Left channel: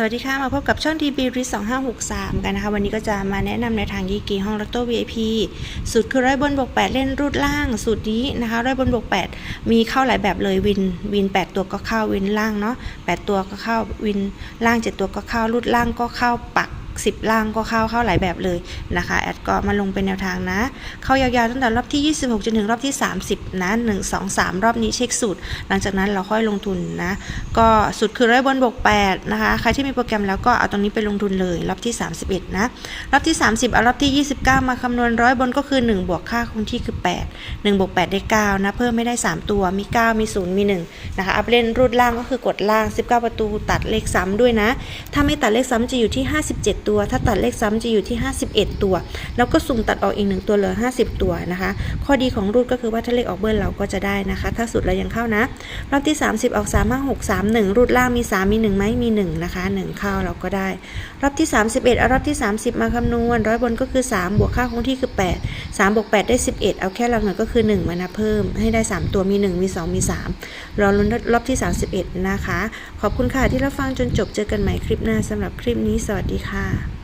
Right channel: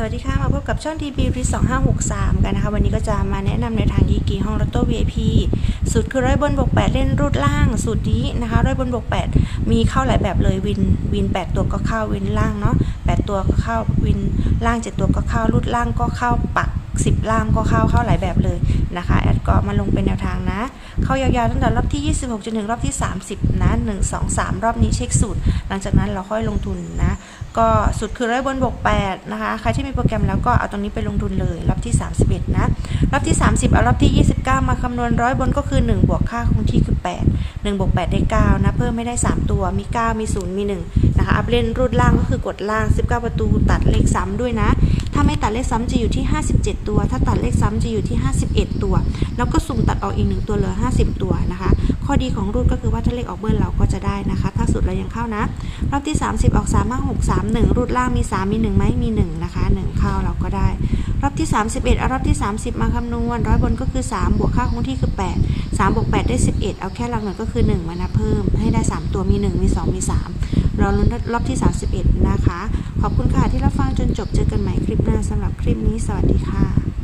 สวัสดีค่ะ มาพบกับช่อง TB r i 2563กันนะคะ วันนี้ก็จะมาแนะนำในทางยีกีห้องลอตโต้ VIP สูตรคือร้อยบนบวก8เล่นรูดล่าง สูตรนี้นะคะร้อยบนบวก8มีเข้าหลายแบบเลยวินวินแปดตัวก็เข้าวินล่างเนาะแปดตัวก็เข้าวินล่างเจ็ดตัวก็เข้ารูดล่างก็เข้าปัก 10 ล่างก็เข้าเข้าหลายแบบเลยนะคะแอดก็มาลงเป็นแนวทางนะ เข้ายาวๆตั้งแต่รอบที่ 26จนถึงรอบที่ 30 นะ1 2 3 รอบนี้เช็คสูตร หลังจากนั้นเราค่อยลงทุนนะ ก็สูตรคือร้อยบนบวก8นะคะใครที่มีโปรแกรมแล้วก็เอาตรงนี้ไปลงทุนเลย รอบที่ 31 นะ รอบที่ 30 เอารอบที่ 29 มาคำนวณร้อยบนก็คือ 1 บวกค่าคงที่คือ 8 1บวก8ได้9นะเพิ่มไม่ได้ 3 ตัวมี 9 มี 0 มี 1 นะคะ อัพเล่นรูดล่างก็คือกดล่าง 19 ประตูตัดเลขซ้ำด้วยนะ ถ้าไม่ตัดเลขซ้ำจะอยู่ที่ 57 ตัว ถ้าตัดเลขซ้ำจะอยู่ที่ 51 ตัว แล้วก็สุ่มตัดออกอีกหนึ่งตัวเหลือ 50 ตัวนะคะ ข้อดีของรูดก็คือว่าถ้าเลขออกเบิ้ลเราก็จะได้นะคะ ถ้าสุดเรายังเข้านะ รอบที่ 30 ออก 3 5 6 3 1 รูดล่างมี 3 มี1ไหมมี 1 นะคะ 1 เข้าเราก็ได้ รอบที่ 31เอารอบที่ 30 มาคำนวณร้อยบนก็คือ 3 บวกค่าคงที่คือ 8 3บวก8ได้ 11 เอาแค่หลักหน่วยก็คือ 1 มานับเพิ่มให้ได้ 3 ตัวมี 1 มี 2 มี3รอลุ้นรอบที่ 31 นะคะ ขอบคุณค่ะที่รับฟังจนจบเจอกันใหม่คลิปหน้าสำหรับคลิปนี้ สวัสดีค่ะ